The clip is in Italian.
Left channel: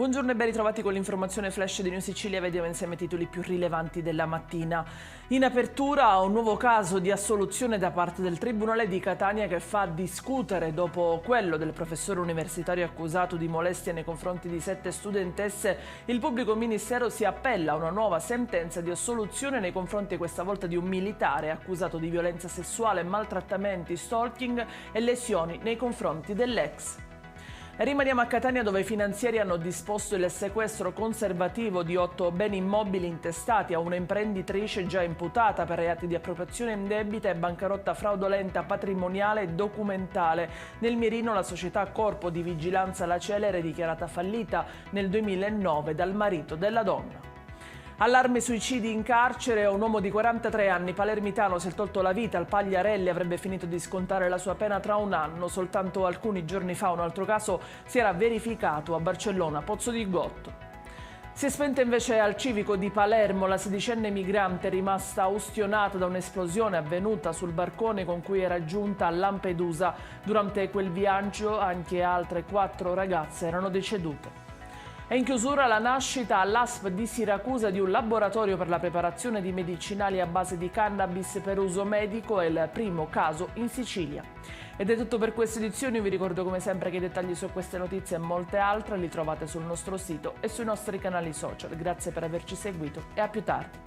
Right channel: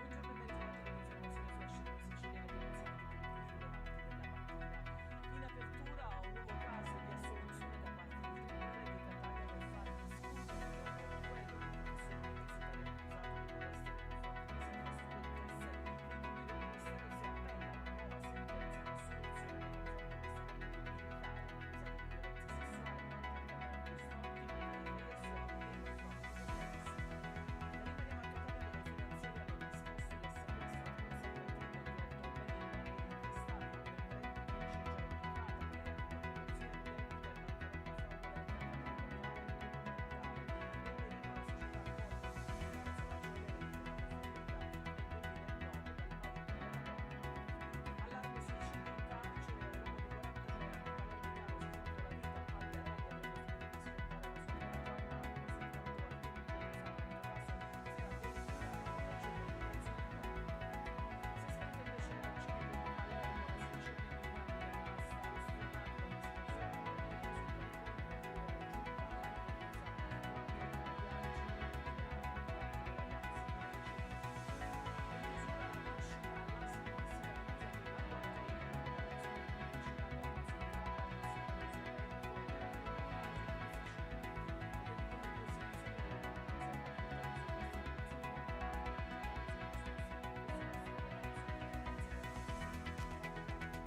Buongiorno e ben ritrovati con l'informazione flash di New Sicilia. Vediamo insieme i titoli più rilevanti della mattina. In apertura un nuovo caso di assoluzione da parte del Tribunale di Catania che fa discutere dopo quello del professore universitario accusato di molestia nei confronti di 7 studentesse. Il pubblico ministero si appella a una nuova sentenza di assoluzione nei confronti questa volta di un militare accusato di violenza sessuale, maltrattamenti, stalking e lesioni nei confronti dell'ex. Rimaniamo a Catania dove i finanzieri hanno disposto il sequestro conservativo di 8 beni immobili intestati a una imprenditrice già imputata per reati di appropriazione indebita e bancarotta fraudolenta patrimoniale e documentale. Nel mirino la società Corpo di Vigilanza La Celere dichiarata fallita nel 2009 dal marito della donna. Allarme suicidi in carcere, un uomo di 43 anni palermitano si è tolto la vita al Pagliarelli, avrebbe finito di scontare la sua pena tra un anno. Soltanto alcuni giorni fa un altro caso si era verificato a Barcellona, Pozzo di Gotto. Si è spenta invece al civico di Palermo la sedicenne migrante rimasta ustionata da un'esplosione avvenuta sul barcone con cui era giunta a Lampedusa. Durante quel viaggio anche altre 4 ragazze erano decedute. È in chiusura la nascita all'ASP di Siracusa di un laboratorio per la preparazione di medicinali a base di cannabis per uso medico, è il primo caso in Sicilia. Ed è tutto per queste edizioni, vi ricordo come sempre che i dettagli su queste notizie e molte altre li trovate sul nostro sito e sui nostri canali social. Grazie per averci seguito e a più tardi.